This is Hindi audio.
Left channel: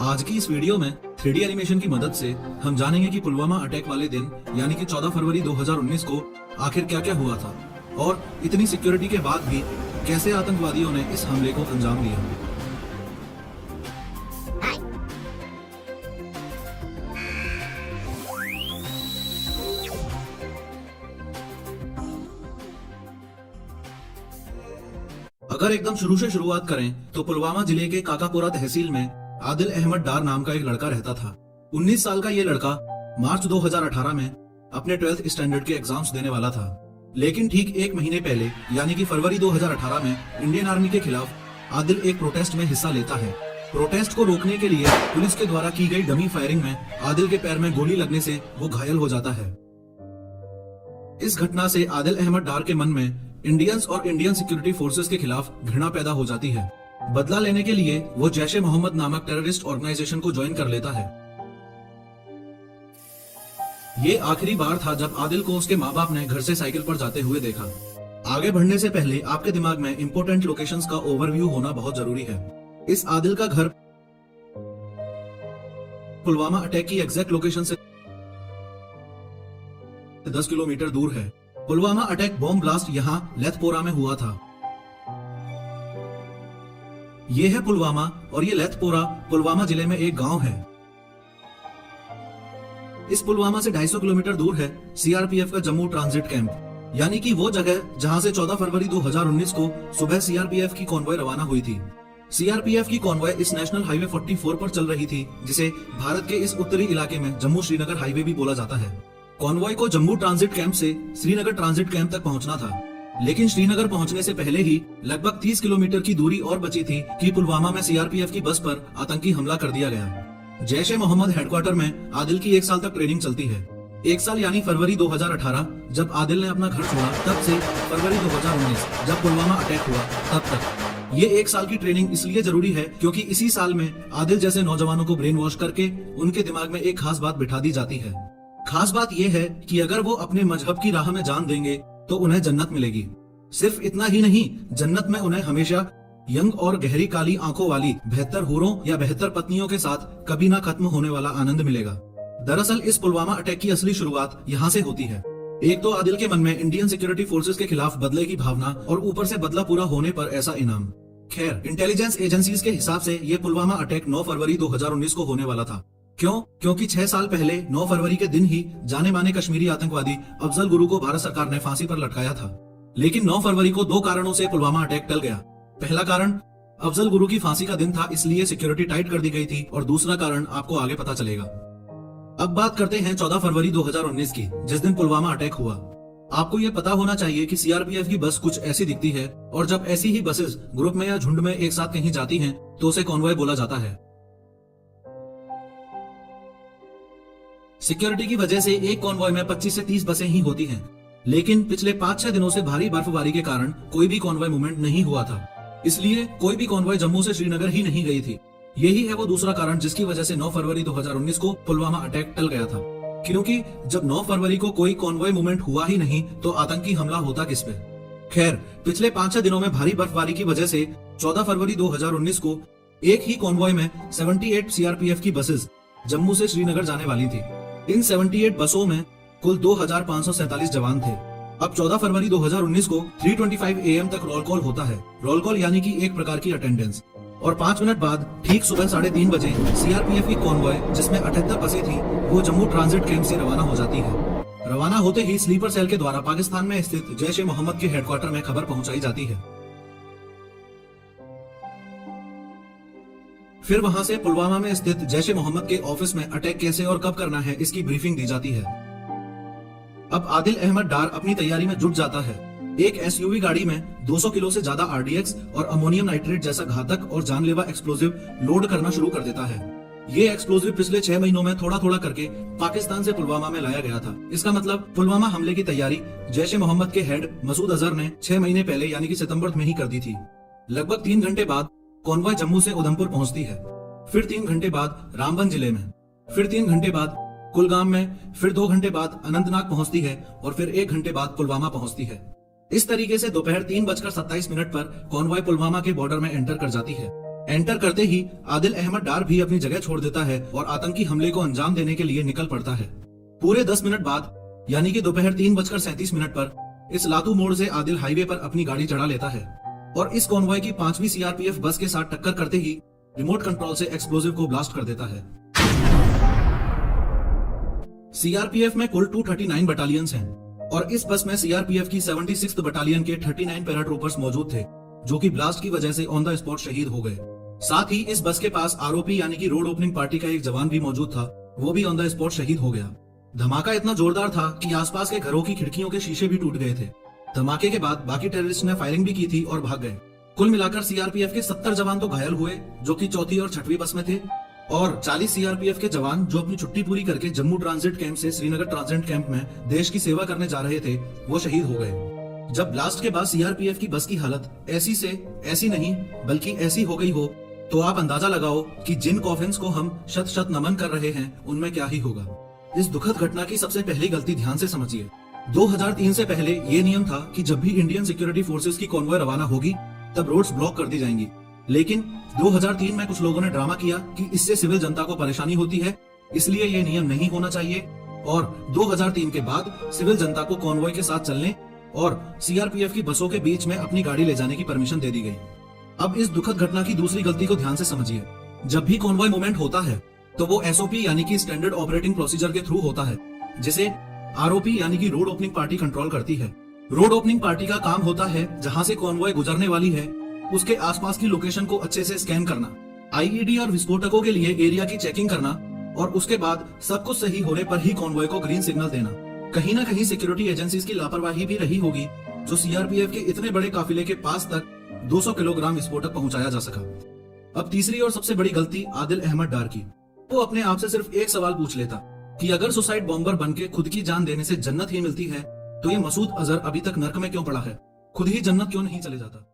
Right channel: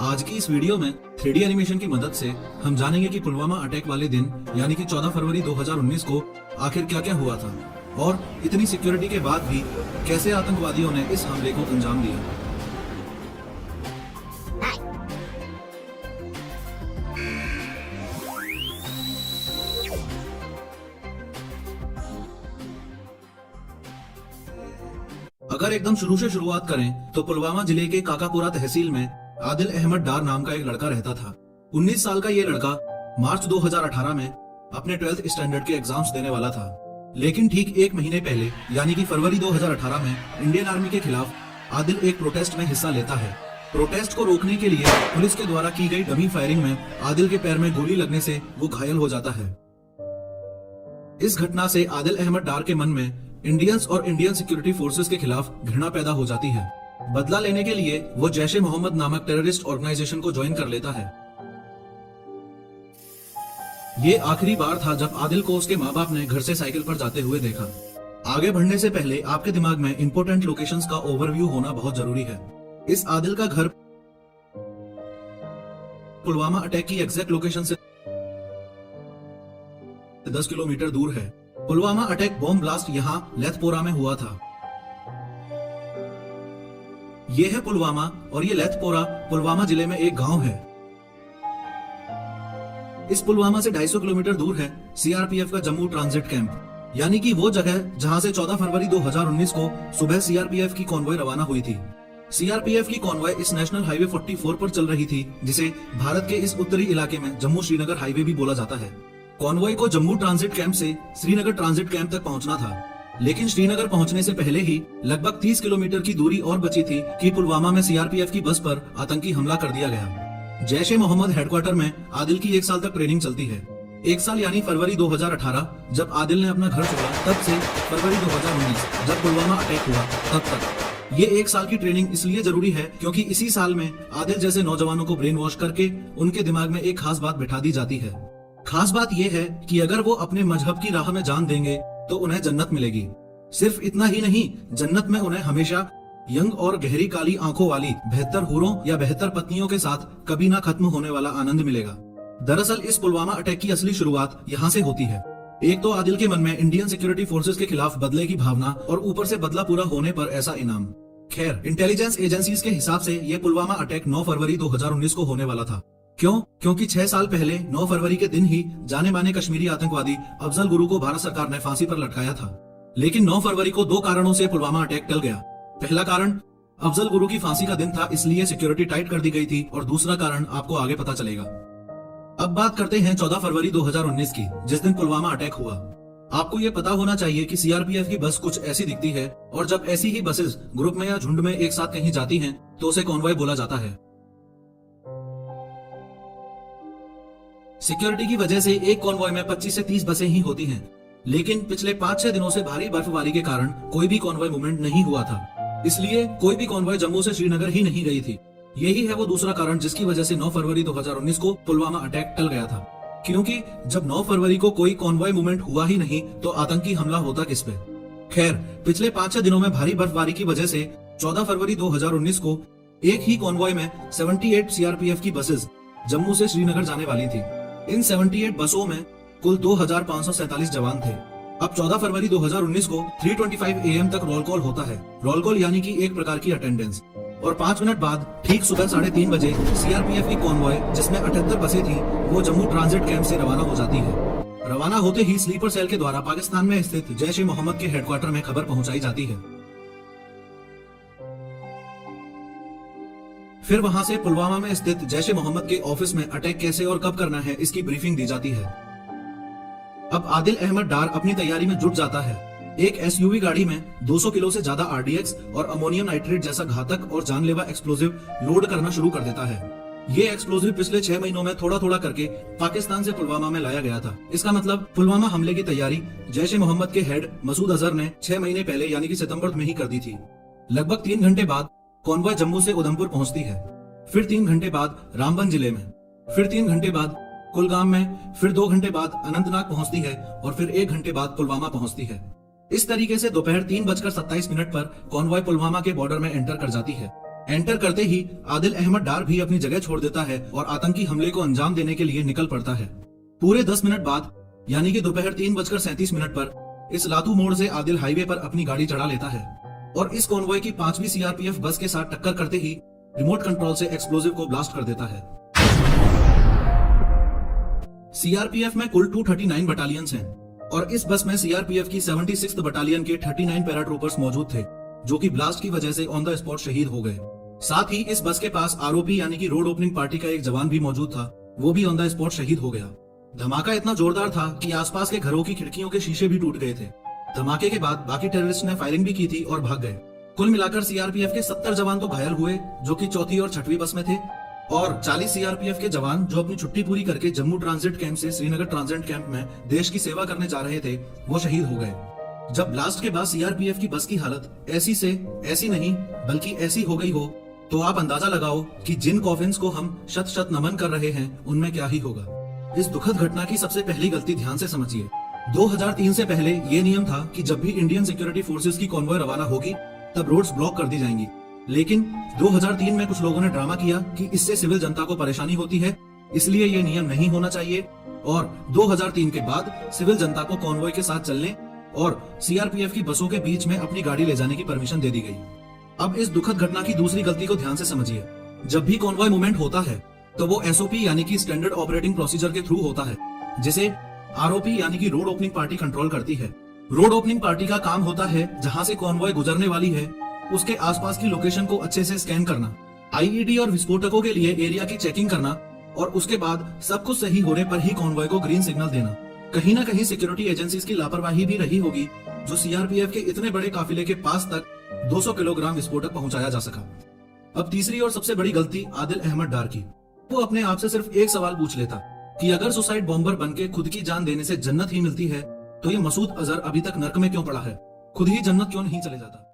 आज की इस वीडियो में 3D एनिमेशन की मदद से हम जानेंगे कि पुलवामा अटैक वाले दिन यानी कि 14 फरवरी 2019 को आखिर क्या क्या हुआ था और इतनी सिक्योरिटी के बाद भी कैसे आतंकवादियों ने इस हमले को अंजाम दिया। अगर एकदम शुरू से शुरुआत करें तो पुलवामा जिले के काकापुरा तहसील में आदिल अहमद डार नाम का एक लड़का रहता था। 19 साल का ये लड़का मार्च 2018 में अपने 12th स्टैंडर्ड के एग्जाम्स देने वाला था, लेकिन ठीक एक महीने पहले यानी कि फरवरी 2018 में इंडियन आर्मी के खिलाफ आदिल एक प्रोटेस्ट में हिस्सा लेता है। प्रोटेस्ट को रोकने के लिए पुलिस के द्वारा की गई डमी फायरिंग में आदिल के पैर में गोली लगने से वो घायल हो जाता है। इस घटना से आदिल अहमद डार के मन में इंडियंस और इंडियन सिक्योरिटी फोर्सेस के खिलाफ घृणा पैदा हो जाती है। बदला लेने के लिए वो जैश-ए-मोहम्मद नामक टेररिस्ट ऑर्गेनाइजेशन को ज्वाइन कर लेता है। ये आखिरी बार था जब आदिल को उसके माँ बाप ने घर से साइकिल पर जाते हुए देखा। आगे बढ़ने से पहले आपके दिमाग में इंपॉर्टेंट लोकेशंस का ओवरव्यू होना बहुत जरूरी है। इस आदिल का घर पुलवामा अटैक की एग्जैक्ट लोकेशन से 10 किलोमीटर दूर है। पुलवामा अटैक बॉम्ब ब्लास्ट यहाँ लेथपोरा में हुआ था। ये है पुलवामा और ये लेथपोरा पुलवामा जिले में एक गांव है। इस पुलवामा से 250 किलोमीटर दूर है सीआरपीएफ का जम्मू ट्रांजिट कैंप, यानी कि वो जगह जहां से 14 फरवरी 2019 को सुबह सीआरपीएफ की कॉन्वॉय रवाना हुई थी। सीआरपीएफ की कॉन्वॉय इस नेशनल हाईवे 44 पर चल रही थी, जिसे भारत के इस उत्तरी इलाके में जम्मू श्रीनगर हाईवे भी बोला जाता है। कॉन्वॉय को जम्मू ट्रांजिट कैंप से श्रीनगर ट्रांजिट कैंप तक पहुंचना था, लेकिन श्रीनगर पहुंचने से पहले ही लगभग 30 किलोमीटर की दूरी और बची थी कि पुलवामा में सीआरपीएफ की बस पर आतंकी हमला कर दिया गया। जैश-ए-मोहम्मद हेडक्वार्टर में आदिल की 1 साल तक ट्रेनिंग चलती है। 1 साल यानी फरवरी 2018 जब आदिल ने अपना घर छोड़ा, तब से फरवरी 2019 जब पुलवामा अटैक हुआ तब तक। ये 1 साल की ट्रेनिंग इसलिए जरूरी है क्योंकि इसी साल में आदिल जैसे नौजवानों को ब्रेन वॉश करके उनके दिमाग में एक खास बात बिठा दी जाती है। खास बात यह है कि अगर वो अपने मजहब की राह में जान देंगे तो उन्हें जन्नत मिलेगी। सिर्फ इतना ही नहीं, जन्नत में उन्हें हमेशा यंग और गहरी काली आंखों वाली बेहतर होरों या बेहतर पत्नियों के साथ कभी ना खत्म होने वाला आनंद मिलेगा। दरअसल इस पुलवामा अटैक की असली शुरुआत यहाँ से होती है। एक तो आदिल के मन में इंडियन सिक्योरिटी फोर्सेस के खिलाफ बदले की भावना और ऊपर से बदला पूरा होने पर ऐसा इनाम। खैर, इंटेलिजेंस एजेंसीज के हिसाब से ये पुलवामा अटैक 9 फरवरी 2019 को होने वाला था। क्यों? क्योंकि 6 साल पहले 9 फरवरी के दिन ही जाने माने कश्मीरी आतंकवादी अफजल गुरु को भारत सरकार ने फांसी पर लटकाया था। लेकिन 9 फरवरी को 2 कारणों से पुलवामा अटैक टल गया। पहला कारण अफजल गुरु की फांसी का दिन था, इसलिए सिक्योरिटी टाइट कर दी गई थी, और दूसरा कारण आपको आगे पता चलेगा। अब बात करते हैं 14 फरवरी 2019 की, जिस दिन पुलवामा अटैक हुआ। आपको ये पता होना चाहिए कि सीआरपीएफ की बस कुछ ऐसी दिखती है, और जब ऐसी ही बसेस ग्रुप में या झुंड में एक साथ कहीं जाती हैं तो उसे कॉन्वॉय बोला जाता है। सिक्योरिटी की वजह से एक कॉन्वॉय में 25 से 30 बसें ही होती हैं, लेकिन पिछले 5-6 दिनों से भारी बर्फबारी के कारण कोई भी कॉन्वॉय मूवमेंट नहीं हुआ था, इसलिए कोई भी कॉन्वॉय जम्मू से श्रीनगर ही नहीं गई थी। यही है वो दूसरा कारण जिसकी वजह से 9 फरवरी 2019 को पुलवामा अटैक टल गया था, क्योंकि जब 9 फरवरी को कोई कॉन्वॉय मूवमेंट हुआ ही नहीं तो आतंकी हमला होता किस पे। खैर, पिछले 5-6 दिनों में भारी बर्फबारी की वजह से 14 फरवरी 2019 को एक ही कॉन्वॉय में 78 सीआरपीएफ की बसेस जम्मू से श्रीनगर जाने वाली थी। इन 78 बसों में कुल 2547 जवान थे। अब 14 फरवरी 2019 को 3:25 AM तक रोल कॉल होता है। रोल कॉल यानी कि एक प्रकार की अटेंडेंस, और 5 मिनट बाद ठीक सुबह 3:30 बजे सीआरपीएफ की कॉन्वॉय, जिसमें 78 बसें थी, वो जम्मू ट्रांजिट कैंप से रवाना हो जाती है। रवाना होते ही स्लीपर सेल के द्वारा पाकिस्तान में स्थित जैश-ए-मोहम्मद के हेडक्वार्टर में खबर पहुंचाई जाती है। फिर वहां से पुलवामा में स्थित जैश-ए-मोहम्मद के ऑफिस में अटैक कैसे और कब करना है इसकी ब्रीफिंग दी जाती है। अब आदिल अहमद डार अपनी तैयारी में जुट जाता है। एक एसयूवी गाड़ी में 200 किलो से ज्यादा आरडीएक्स और अमोनियम नाइट्रेट जैसा घातक और जानलेवा एक्सप्लोजिव लोड करना शुरू कर देता है। ये एक्सप्लोजिव पिछले 6 महीनों में थोड़ा थोड़ा करके पाकिस्तान से पुलवामा में लाया गया था। इसका मतलब पुलवामा हमले की तैयारी जैश-ए-मोहम्मद के हेड मसूद अजहर ने 6 महीने पहले यानी कि सितंबर में ही कर दी थी। लगभग 3 घंटे बाद कॉन्वॉय जम्मू से उधमपुर पहुंचती है, फिर 3 घंटे बाद रामबन जिले में, फिर 3 घंटे बाद कुलगाम में, फिर 2 घंटे बाद अनंतनाग पहुंचती है, और फिर 1 घंटे बाद पुलवामा पहुंचती है। इस तरीके से दोपहर 3:27 पर कॉन्वॉय पुलवामा के बॉर्डर में एंटर कर जाती है। एंटर करते ही आदिल अहमद डार भी अपनी जगह छोड़ देता है और आतंकी हमले को अंजाम देने के लिए निकल पड़ता है। पूरे 10 मिनट बाद यानी कि दोपहर 3:37 पर इस लातू मोड़ से आदिल हाईवे पर अपनी गाड़ी चढ़ा लेता है और इस कॉन्वॉय की 5वीं सीआरपीएफ बस के साथ टक्कर करते ही रिमोट कंट्रोल से एक्सप्लोजिव को ब्लास्ट कर देता है। सीआरपीएफ में कुल 239 बटालियंस हैं और इस बस में सीआरपीएफ की 76th बटालियन के 39 पैराट्रूपर्स मौजूद थे, जो कि ब्लास्ट की वजह से ऑन द स्पॉट शहीद हो गए। साथ ही इस बस के पास आरओपी यानी कि रोड ओपनिंग पार्टी का एक जवान भी मौजूद था, वो भी ऑन द स्पॉट शहीद हो गया। धमाका इतना जोरदार था कि आसपास के घरों की खिड़कियों के शीशे भी टूट गए थे। धमाके के बाद बाकी टेररिस्ट ने फायरिंग भी की थी और भाग गए। कुल मिलाकर सीआरपीएफ के 70 जवान तो घायल हुए, जो कि चौथी और छठवीं बस में थे, और 40 सीआरपीएफ के जवान जो अपनी छुट्टी पूरी करके जम्मू ट्रांजिट कैंप से श्रीनगर ट्रांजिट कैंप में देश की सेवा करने जा रहे थे, वो शहीद हो गए। जब ब्लास्ट के बाद सीआरपीएफ की बस की हालत ऐसी नहीं बल्कि ऐसी हो गई हो, तो आप अंदाजा लगाओ कि जिन कॉफिन्स को हम शत शत नमन कर रहे हैं उनमें क्या ही होगा। इस दुखद घटना की सबसे पहली गलती ध्यान से समझिए। 2003 से पहले ये नियम था कि जब भी इंडियन सिक्योरिटी फोर्सेस की कॉन्वॉय रवाना होगी तब रोड्स ब्लॉक कर दी जाएंगी, लेकिन 2003 में कुछ लोगों ने ड्रामा किया कि इससे सिविल जनता को परेशानी होती है, इसलिए ये नियम नहीं होना चाहिए, और 2003 के बाद सिविल जनता को कॉन्वॉय के साथ चलने और सीआरपीएफ की बसों के बीच में अपनी गाड़ी ले जाने की परमिशन दे दी गई। अब इस दुखद घटना की दूसरी गलती को ध्यान से समझिए। जब भी कॉन्वॉय मूवमेंट होता है तो वो एसओपी यानी कि स्टैंडर्ड ऑपरेटिंग प्रोसीजर के थ्रू होता है, जिसे आरओपी यानी कि रोड ओपनिंग पार्टी कंट्रोल करती है। रोड ओपनिंग पार्टी का काम होता है जहां से कॉन्वॉय गुजरने वाली है उसके आसपास की लोकेशन को अच्छे से स्कैन करना, आईईडी और विस्फोटकों के लिए एरिया की चेकिंग करना, और उसके बाद सब कुछ सही होने पर ही कॉन्वॉय को ग्रीन सिग्नल देना। कहीं ना कहीं सिक्योरिटी एजेंसीज की लापरवाही भी रही होगी, जो सीआरपीएफ के इतने बड़े काफिले के पास तक 200 किलोग्राम विस्फोटक पहुंचाया जा सका। अब तीसरी और सबसे बड़ी गलती आदिल अहमद डार की। वो अपने आप से सिर्फ एक सवाल पूछ लेता कि अगर सुसाइड बॉम्बर बनके खुद की जान देने से जन्नत ही मिलती है, तो ये मसूद अजहर अभी तक नर्क में क्यों पड़ा है? खुद ही जन्नत क्यों नहीं चले जाता?